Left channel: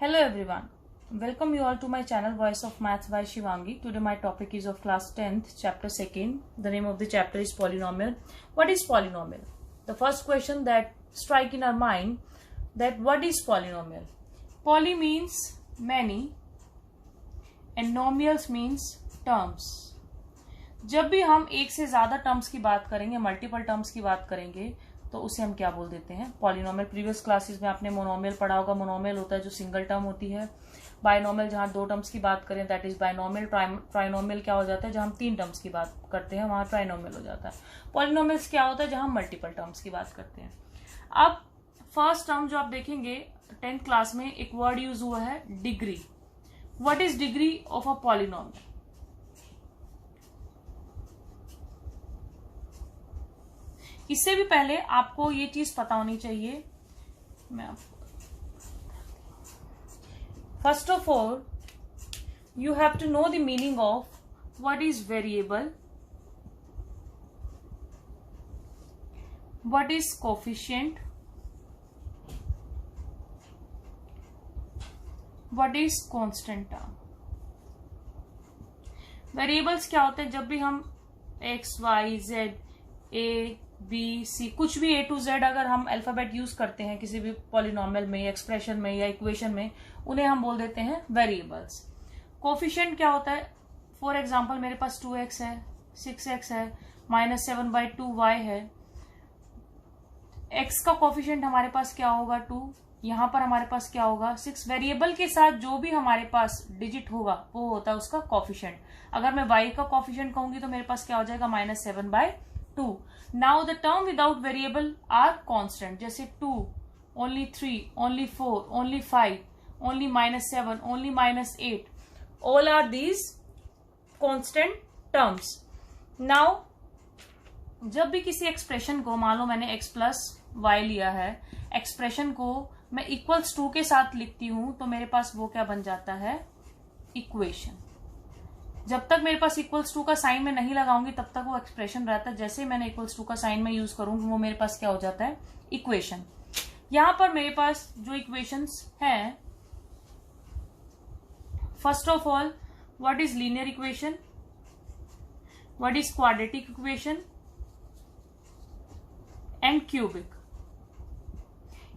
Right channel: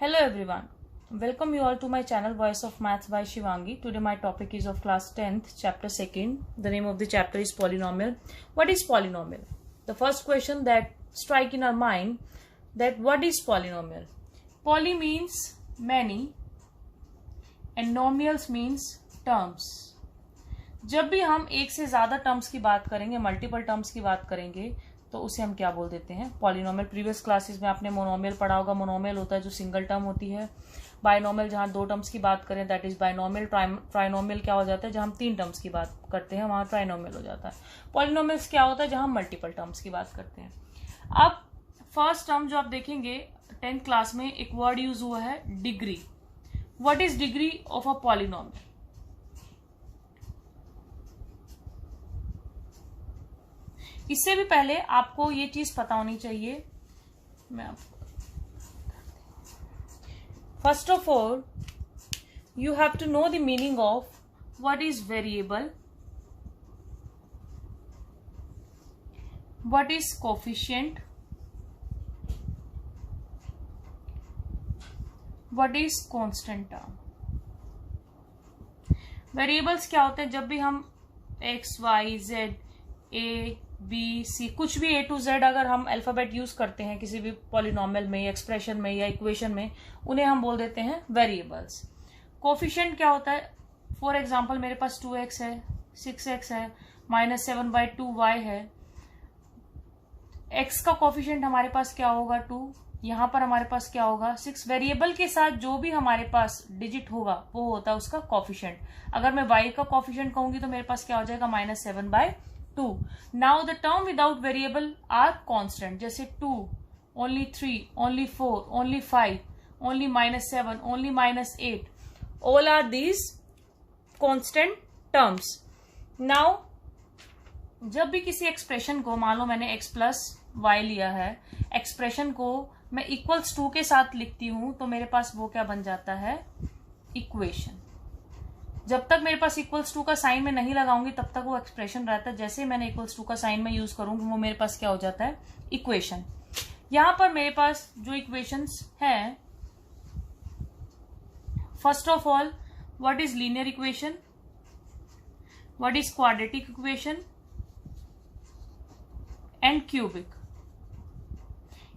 Hello everyone. Welcome you all to my channel Voice of Maths by Shivangi. Today my topic is of class 10th, chapter 2nd. The name of the chapter is polynomial. What is polynomial? The first question that strike in our mind that what is polynomial? Poly means many and nomials means terms. जब भी हम एक से ज्यादा terms की बात करेंगे, multiple terms की बात करेंगे, तो उसे हम क्या बोल देते हैं? पॉलिनोमियल. प्रीवियस क्लासेस में आपने मोनोमियल पढ़ा होगा. मोनोमियल होता है जो सिंगल टर्म होती है. बायनोमियल जहां दो टर्म्स की बात करें दैट इज बायनोमियल. ट्राइनोमियल क्या हो जाता है? जहां हम तीन टर्म्स की बात करते हैं वहां ट्राइनोमियल हो जाता है. पॉलिनोमियल्स क्या होता है? जहां हम मल्टीपल टर्म्स की बात करते हैं. अब फर्स्ट टर्म जो आप देखेंगे 10th क्लास में एक वर्ड यूज हुआ है degree. What is degree of a polynomial? इससे भी पहले आपको ये चीज पता होनी चाहिए. मैं आपको first of all you have to know the meaning of what is variable, what is coefficient, what is constant term. Variables क्या होते हैं? जब भी हम x y z a b c कुछ भी ए टू जेड अगर हम अल्फाबेट यूज करते हैं किसी भी पॉलिनोमियल में, एक्सप्रेशन में या इक्वेशन में, उन्हें हम बोल देते हैं वेरिएबल्स. कोफिशिएंट क्या होता है? फॉर एग्जांपल मेरे पास 2x है, 6x है, -7/2y है. x का कोफिशिएंट हमारे पास क्या होगा? 2. यहां पर हमारे पास क्या होगा? 6. वेरिएबल के साथ जो भी हमारे पास डिजिट होगा वो होता है उसका कोफिशिएंट. अगर मैं y का कोफिशिएंट कहूंगी तो मेरे पास क्या हो जाएगा? -7/2. Now the term without variable are constant, जैसे 2, only 3, only 4, only 5, only -7, only -8. All are these constant terms. Now जब भी किसी एक्सप्रेशन को, मान लो मैंने x प्लस वाई लिया है, एक्सप्रेशन को मैं इक्वल्स 2 के साथ लिखती हूं तो मेरे पास वो क्या बन जाता है? इक्वेशन. जब तक मेरे पास इक्वल्स 2 का साइन में नहीं लगाऊंगी तब तक वो एक्सप्रेशन रहता है. जैसे मैंने इक्वल्स 2 का साइन में यूज करूंगी वो मेरे पास क्या हो जाता है? इक्वेशन. यहां पर मेरे पास जो इक्वेशंस हैं, first of all what is linear equation, what is quadratic equation and cubic.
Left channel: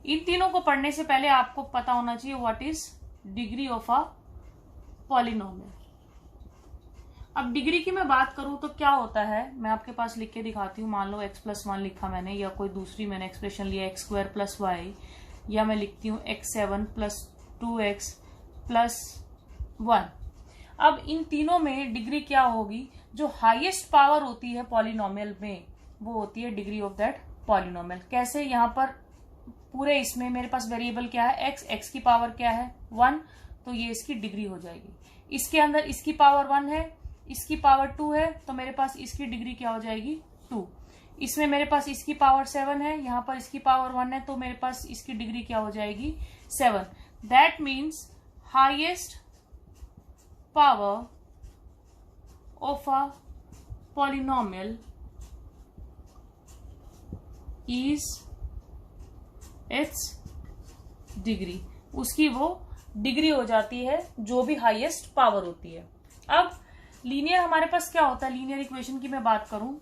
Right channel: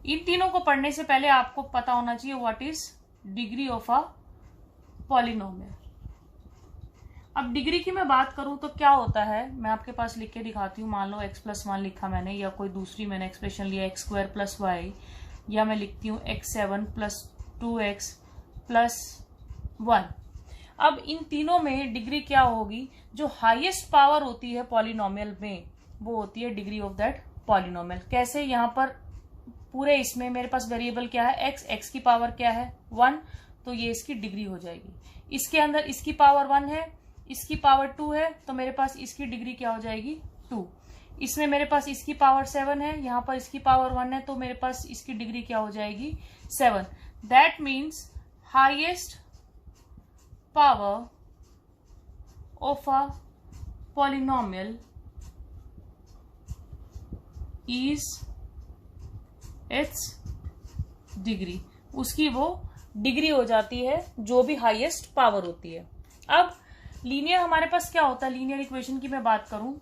इन तीनों को पढ़ने से पहले आपको पता होना चाहिए what is degree of a polynomial. अब डिग्री की मैं बात करूं तो क्या होता है, मैं आपके पास लिख के दिखाती हूँ. मान लो x+1 लिखा मैंने, या कोई दूसरी मैंने एक्सप्रेशन लिया x² + y, या मैं लिखती हूँ x7 + 2x + 1. अब इन तीनों में डिग्री क्या होगी? जो हाईएस्ट पावर होती है पॉलिनोमियल में वो होती है डिग्री ऑफ दैट पॉलिनोमियल. कैसे? यहाँ पर पूरे इसमें मेरे पास वेरिएबल क्या है? x की पावर क्या है? 1. तो ये इसकी डिग्री हो जाएगी. इसके अंदर इसकी पावर 1 है, इसकी पावर 2 है, तो मेरे पास इसकी डिग्री क्या हो जाएगी? 2. इसमें मेरे पास इसकी पावर 7 है, यहां पर इसकी पावर 1 है, तो मेरे पास इसकी डिग्री क्या हो जाएगी? 7. That means highest power of a polynomial is it's degree. उसकी वो डिग्री हो जाती है जो भी हाईएस्ट पावर होती है. अब लीनियर हमारे पास क्या होता है? लीनियर इक्वेशन की मैं बात करूं,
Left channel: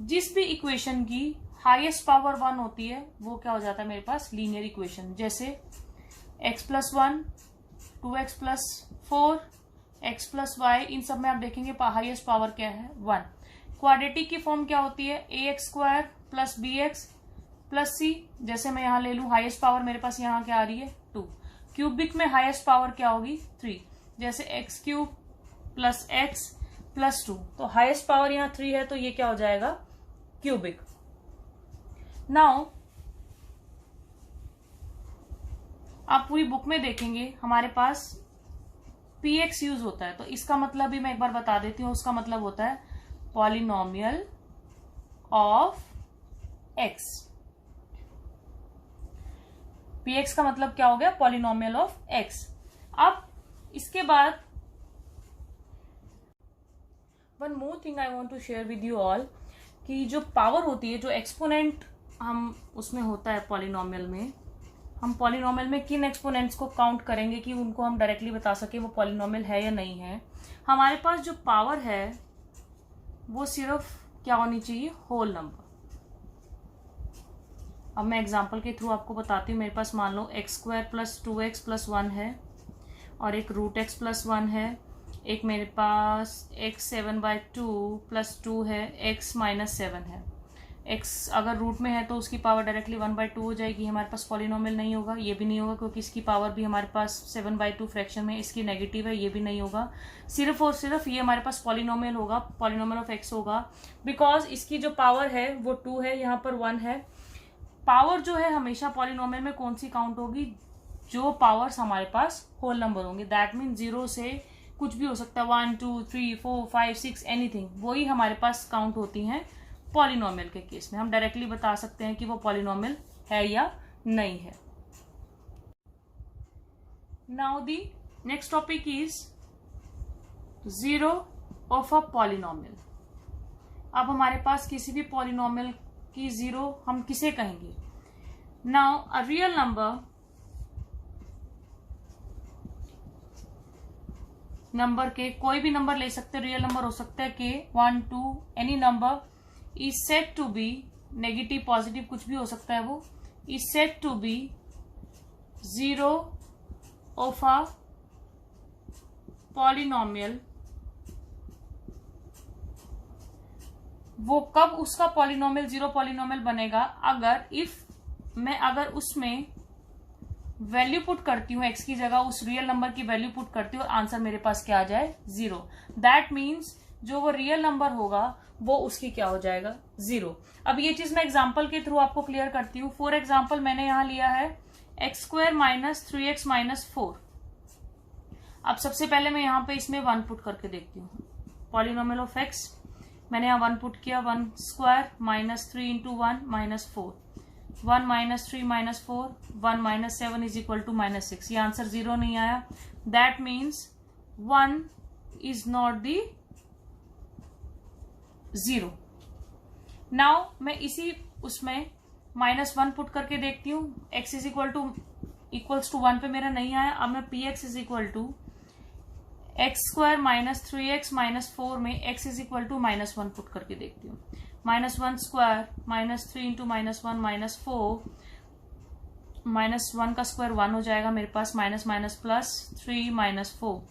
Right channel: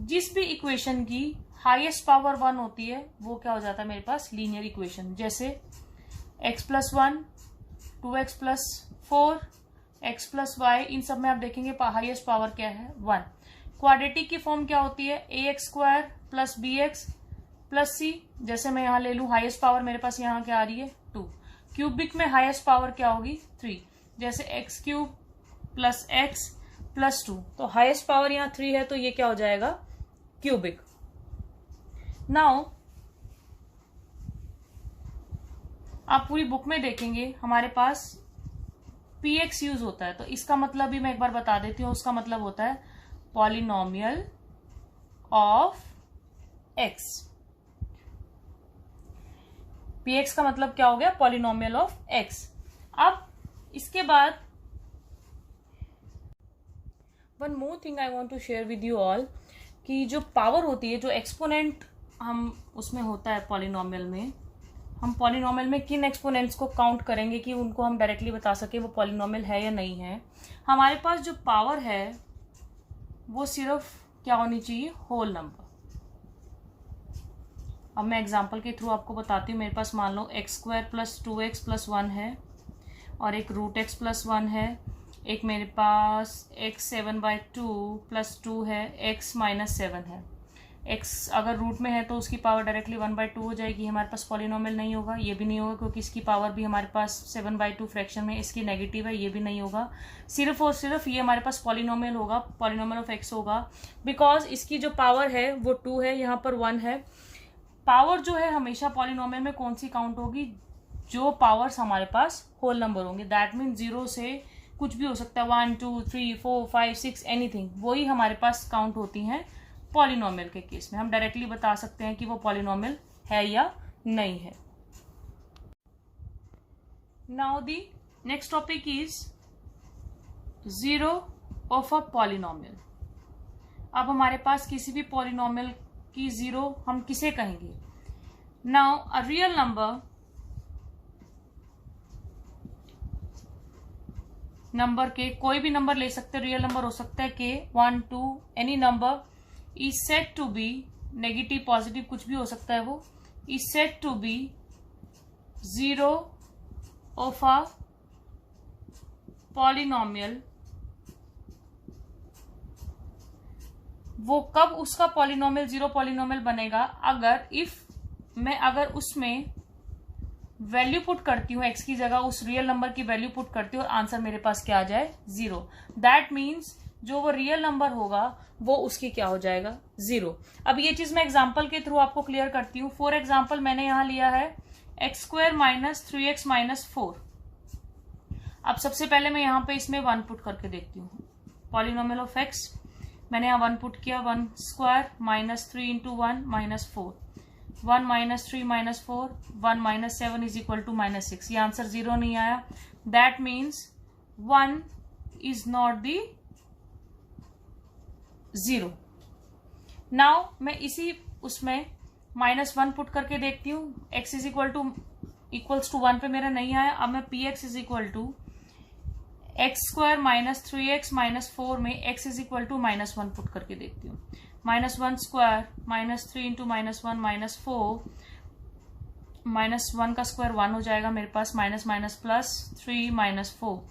जिस भी इक्वेशन की हाईएस्ट पावर 1 होती है वो क्या हो जाता है मेरे पास? Linear equation. जैसे x+1, 2x + 4, x + y, इन सब में आप देखेंगे हाईएस्ट पावर क्या है? 1. क्वाड्रेटिक की फॉर्म क्या होती है? ax² + bx + c. जैसे मैं यहां ले लू, हाईएस्ट पावर मेरे पास यहां क्या आ रही है? 2. क्यूबिक में हाईएस्ट पावर क्या होगी? 3. जैसे x³ + x + 2. तो हाईएस्ट पावर यहाँ 3 है तो ये क्या हो जाएगा? क्यूबिक. नाउ आप पूरी बुक में देखेंगे हमारे पास px यूज होता है, तो इसका मतलब भी मैं एक बार बता देती हूँ. उसका मतलब होता है पॉलिनोमियल ऑफ x. px का मतलब क्या हो गया? Polynomial of x. अब इसके बाद one more thing I want to share with you all, कि जो पावर होती है, जो एक्सपोनेंट हम उसमें होता है पॉलिनोमियल में, हम पॉलिनोमियल में किन एक्सपोनेंट्स को काउंट करेंगे कि उनको हम डायरेक्टली बता सके वो पॉलिनोमियल है या नहीं है। हमारे पास जो पावर है वो सिर्फ क्या होनी चाहिए, होल नंबर। अब मैं एग्जांपल के थ्रू आपको बताती हूँ। मेरे पास मान लो x² + 2x + 1 है और एक √x + 1 है। एक मेरे पास x7/2 + 2 है, x - 7 है। x अगर रूट में है तो उसकी पावर डायरेक्टली 1/2 हो जाएगी, हमारे पास पॉलिनोमियल नहीं होगा। ये भी नहीं होगा क्योंकि इसकी पावर भी हमारे पास 7/2 फ्रैक्शन में इसकी नेगेटिव है, ये भी नहीं होगा। सिर्फ और सिर्फ ये हमारे पास पॉलिनोमियल होगा, पॉलिनोमियल ऑफ x होगा, बिकॉज इसकी जो पावर है वो 2 है, यहाँ पर 1 है। पावर जो है हमेशा पॉलिनोमियल में कौन सी काउंट होगी, जो पावर्स हमारे पास होल नंबर होंगे। दैट मीन 0 से कुछ भी हो सकता है, 1 2 3 4 5 6 एनीथिंग, वही हमारे पास काउंट होती हैं पॉलिनोमियल के केस में। हम डायरेक्टली बता सकते हैं कि वो पॉलिनोमियल है या नहीं है। Now the next topic is zero of a polynomial. अब हमारे पास किसी भी पॉलिनोमियल की जीरो हम किसे कहेंगे। नाउ अ रियल नंबर के कोई भी नंबर ले सकते, रियल नंबर हो सकता है के 1 2 any number is said to be, negative positive कुछ भी हो सकता है, वो is said to be zero of a polynomial. वो कब उसका पॉलिनोमियल जीरो पॉलिनोमियल बनेगा, अगर उसमें वैल्यू पुट करती हूँ, एक्स की जगह उस रियल नंबर की वैल्यू पुट करती हूँ और आंसर मेरे पास क्या आ जाए, 0। दैट मीन्स जो वो रियल नंबर होगा वो उसकी क्या हो जाएगा, 0। अब ये चीज मैं एग्जांपल के थ्रू आपको क्लियर करती हूँ। फॉर एग्जांपल मैंने यहां लिया है x² - 3x - 4। अब सबसे पहले मैं यहाँ पे इसमें 1 पुट करके देखती हूँ। पॉलिनोमियल ऑफ x मैंने यहाँ 1 पुट किया, 1² - 3 × 1 - 4, 1 - 3 - 4, 1 - 7 = -6। ये आंसर 0 नहीं आया। That means 1 is not the 0। Now मैं इसी उसमें -1 पुट करके देखती हूँ। x इक्वल्स टू 1 पे मेरा नहीं आया। अब मैं px = x² - 3x - 4 में x = -1 पुट करके देखती हूँ। -1² - 3 × -1 - 4, -1 का स्क्वायर 1 हो जाएगा मेरे पास, -+3 - 4,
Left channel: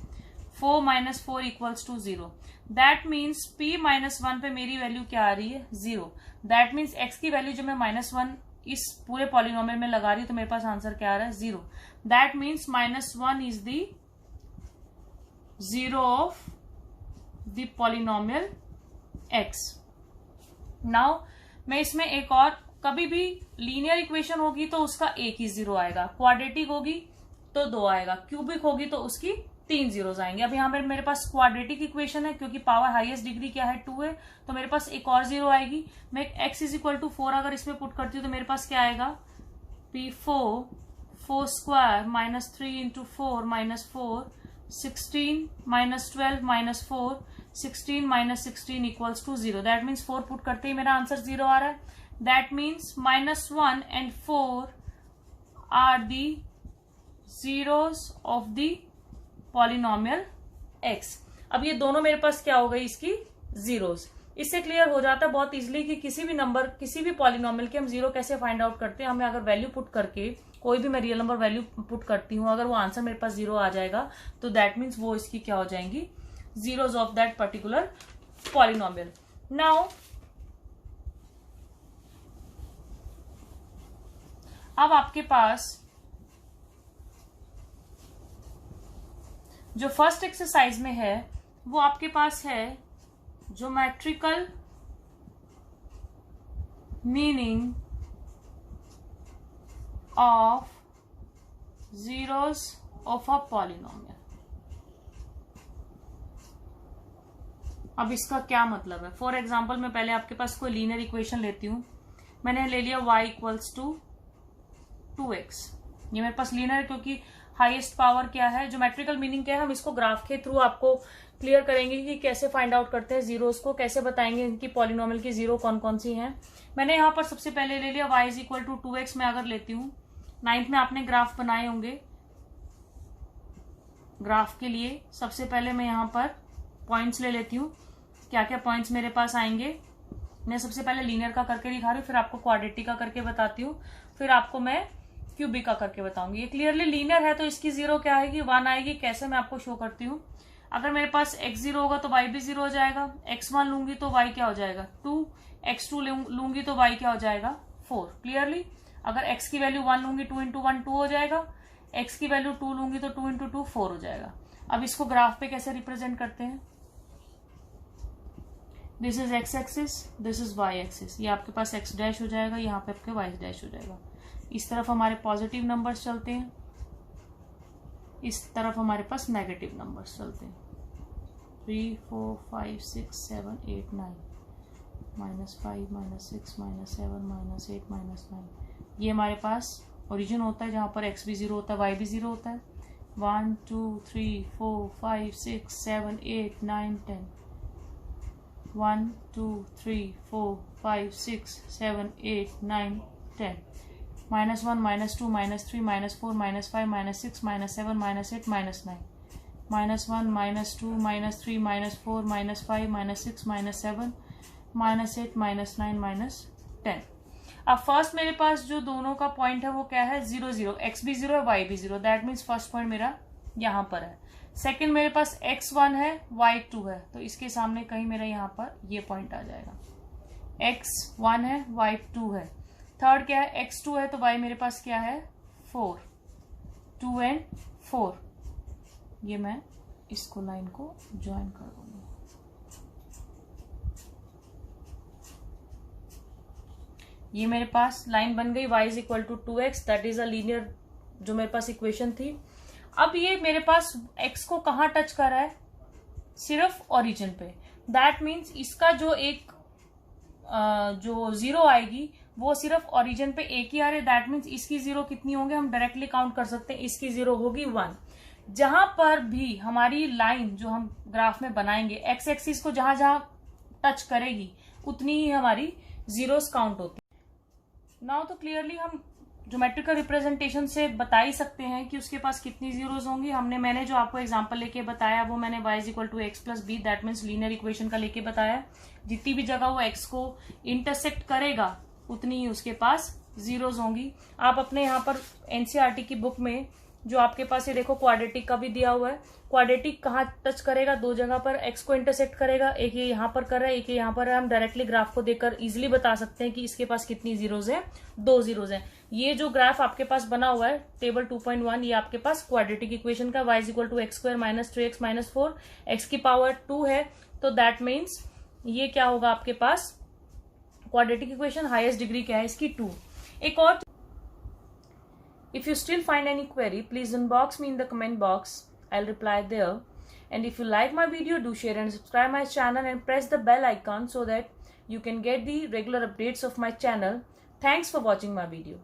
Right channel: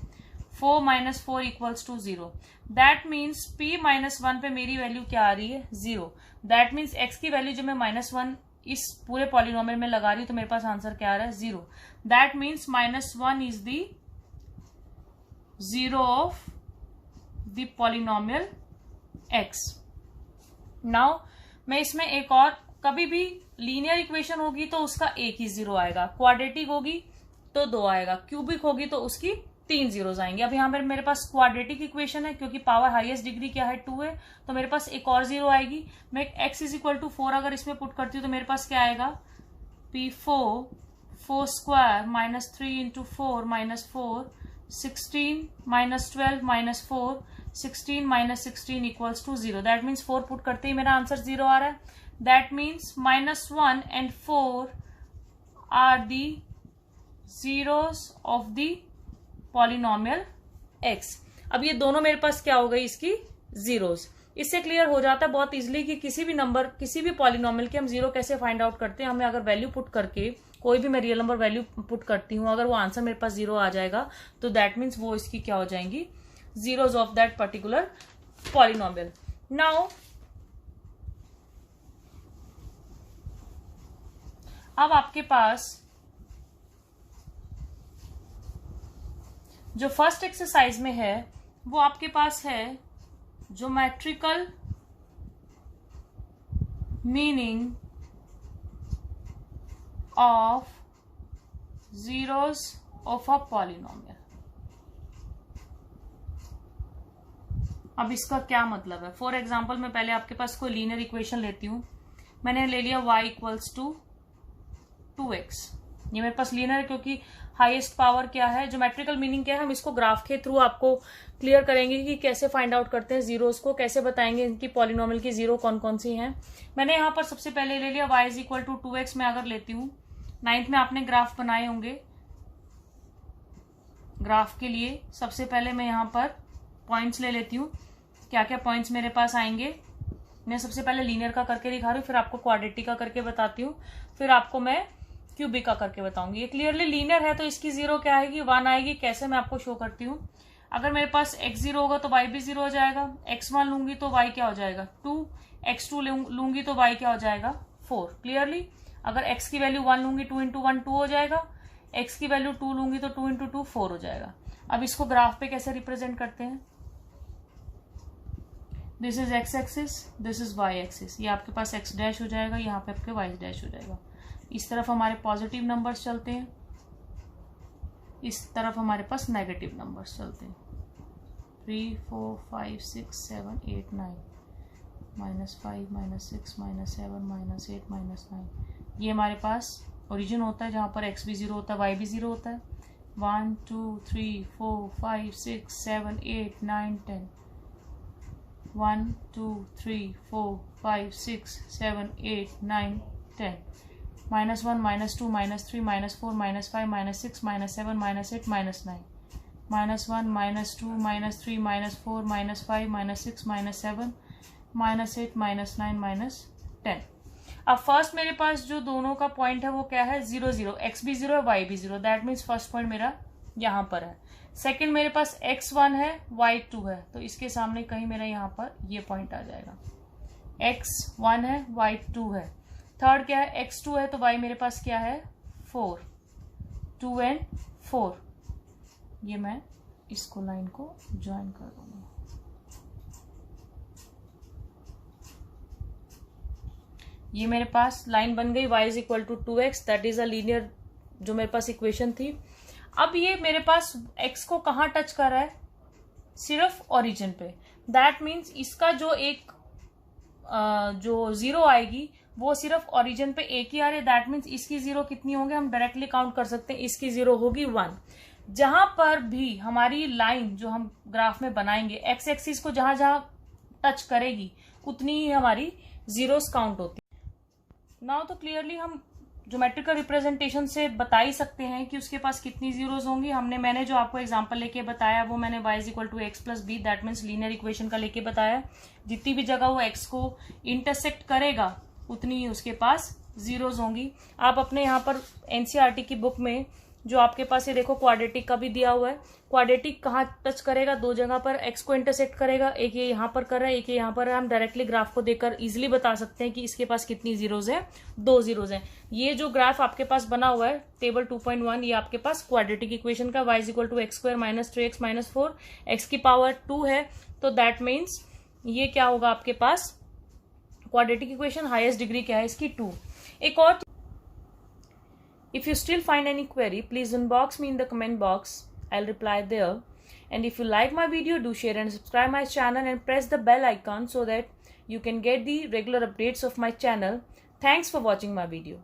4 - 4 = 0। दैट मीन्स p -1 पे मेरी वैल्यू क्या आ रही है, 0। दैट मीन्स x की वैल्यू जब मैं -1 इस पूरे पॉलिनोमियल में लगा रही हूँ तो मेरे पास आंसर क्या आ रहा है, 0। That means -1 is the 0 of the polynomial x। Now मैं इसमें एक और, कभी भी लीनियर इक्वेशन होगी तो उसका एक ही 0 आएगा, क्वाड्रेटिक होगी तो 2 आएगा, क्यूबिक होगी तो उसकी 3 जीरोस आएंगे। अब यहाँ पर मेरे पास क्वाड्रेटिक इक्वेशन है, क्योंकि पावर हाईएस्ट डिग्री क्या है, 2 है, तो मेरे पास एक और 0 आएगी। मैं x = 4 अगर इसमें पुट करती हूँ तो मेरे पास क्या आएगा, p4 4² - 3 × 4 - 4, 16 - 12 - 4, 16 - 16 = 0। दैट मीन्स 4 पुट करते ही मेरा आंसर 0 आ रहा है। That means -1 and 4 are the zeros of the polynomial x। अब ये दोनों मेरे पास क्या हो गई, इसकी जीरोस। इससे क्लियर हो जाता है बहुत इजीली कि किसी भी नंबर, किसी भी पॉलिनोमियल के हम 0 कैसे फाइंड आउट करते हैं। हमें अगर वैल्यू पुट करके कोई भी मैं रियल नंबर वैल्यू पुट करती हूँ, अगर वो आंसर मेरे पास 0 आ जाएगा तो दैट मीन्स वो इसकी क्या हो जाएंगी, zeros of that particular polynomial. Now अब आपके पास जो फर्स्ट एक्सरसाइज में है वो आपके पास है geometrical meaning of zeros of a polynomial. अब इसका क्या मतलब है, फॉर एग्जाम्पल मैं पहले आपके पास कोई लीनियर इक्वेशन लेती हूं। मैंने ले लिया y = 2x। ये मेरे पास लीनियर है क्योंकि हाईएस्ट पावर क्या है, ज्योमेट्रिकल मीनिंग क्या है, हम इसको ग्राफ के थ्रू आपको क्लियर करेंगे कि कैसे फाइंड आउट करते हैं जीरोस को, कैसे बताएंगे इनकी पॉलिनोमियल की 0 कौन कौन सी हैं। मैंने यहाँ पर सबसे पहले ले लिया y = 2x। मैं अगर लेती हूँ 9th में आपने ग्राफ बनाए होंगे। ग्राफ के लिए सबसे पहले मैं यहाँ पर पॉइंट्स ले लेती हूँ। क्या क्या पॉइंट्स मेरे पास आएंगे, मैं सबसे पहले लीनियर का करके दिखा रही हूँ, फिर आपको क्वाड्रेटिक का करके बताती हूँ, फिर आपको मैं क्यूबिक का करके बताऊंगी। ये क्लियरली लीनियर है तो इसकी 0 क्या आएगी, 1 आएगी। कैसे, मैं आपको शो करती हूँ। अगर मेरे पास x 0 होगा तो y भी 0 हो जाएगा। x1 लूंगी तो y क्या हो जाएगा 2, x2 लूंगी तो y क्या हो जाएगा 4। क्लियरली, अगर x की वैल्यू 1 लूंगी 2 इंटू 1 2 हो जाएगा, x की वैल्यू 2 लूंगी तो 2 इंटू 2 4 हो जाएगा। अब इसको ग्राफ पे कैसे रिप्रेजेंट करते हैं, this is x axis, this is y axis. ये आपके पास x डैश हो जाएगा, यहाँ पे आपके y डैश हो जाएगा। इस तरफ हमारे पॉजिटिव नंबर्स चलते हैं, इस तरफ हमारे पास नेगेटिव नंबर्स चलते हैं। 3 4 5 6 7 8 9 -5 -6 -7 -8 -9। ये हमारे पास ओरिजिन होता है जहाँ पर x भी 0 होता है, y भी 0 होता है। 1 2 3 4 5 6 7 8 9 10। 1 2 3 4 5 6 7 8 9 10। -1 -2 -3 -4 -5 -6 -7 -8 -9। -1 -2 -3 -4 -5 -6 -7 -8 -9 -10। अब फर्स्ट मेरे पास जो दोनों का पॉइंट है वो क्या है 0 0, x भी 0 है y भी 0। दैट मीन्स फर्स्ट पॉइंट मेरा यहाँ पर है। सेकंड मेरे पास x1 है y 2 है, तो इसके सामने कहीं मेरा यहाँ पर ये पॉइंट आ जाएगा। x1 है y 2 है। थर्ड क्या है x2 है, तो y मेरे पास क्या है 4, 2 एंड 4। ये मैं इसको लाइन को ज्वाइन कर दूंगी। ये मेरे पास लाइन बन गई, y is equal to 2x, that is a linear जो मेरे पास इक्वेशन थी। अब ये मेरे पास x को कहाँ टच कर रहा है, सिर्फ ओरिजिन पे। दैट मीन्स इसका जो एक जो 0 आएगी वो सिर्फ ओरिजिन पे एक ही आ रही है। दैट मीन्स इसकी 0 कितनी होंगे, हम डायरेक्टली काउंट कर सकते हैं। इसकी 0 होगी 1। जहां पर भी हमारी लाइन जो हम ग्राफ में बनाएंगे x एक्सिस को जहां जहां टच करेगी उतनी ही हमारी जीरोस काउंट होती है। नाउ तो क्लियरली हम ज्योमेट्रिकल रिप्रेजेंटेशन से बता ही सकते हैं कि उसके पास कितनी जीरोस होंगी। मैंने जो आपको एग्जांपल लेके बताया वो मैंने y is equal to x plus b, that means linear equation का लेके बताया। जितनी भी जगह वो x को इंटरसेक्ट करेगा उतनी ही उसके पास जीरोस होंगी। आप अपने यहाँ पर एनसीईआरटी की बुक में जो आपके पास ये देखो क्वाड्रेटिक का भी दिया हुआ है। क्वाड्रेटिक कहाँ टच करेगा, 2 जगह पर x को इंटरसेक्ट करेगा, एक ये यहाँ पर कर रहा है, एक ये यहाँ पर है। हम डायरेक्टली ग्राफ को देखकर इजिली बता सकते हैं कि इसके पास कितनी जीरोस है, 2 जीरोस है। ये जो ग्राफ आपके पास बना हुआ है टेबल 2.1, ये आपके पास क्वाड्रेटिक इक्वेशन का y is equal to x square minus 3x minus 4, x की पावर 2 है। तो दैट मीन्स ये क्या होगा आपके पास क्वाड्रेटिक इक्वेशन, हाईएस्ट डिग्री क्या है इसकी 2। एक और, if you still find any query, please inbox me in the comment box. I'll reply there. And if you like my video, do share and subscribe my channel and press the bell icon so that you can get the regular updates of my channel. Thanks for watching my video.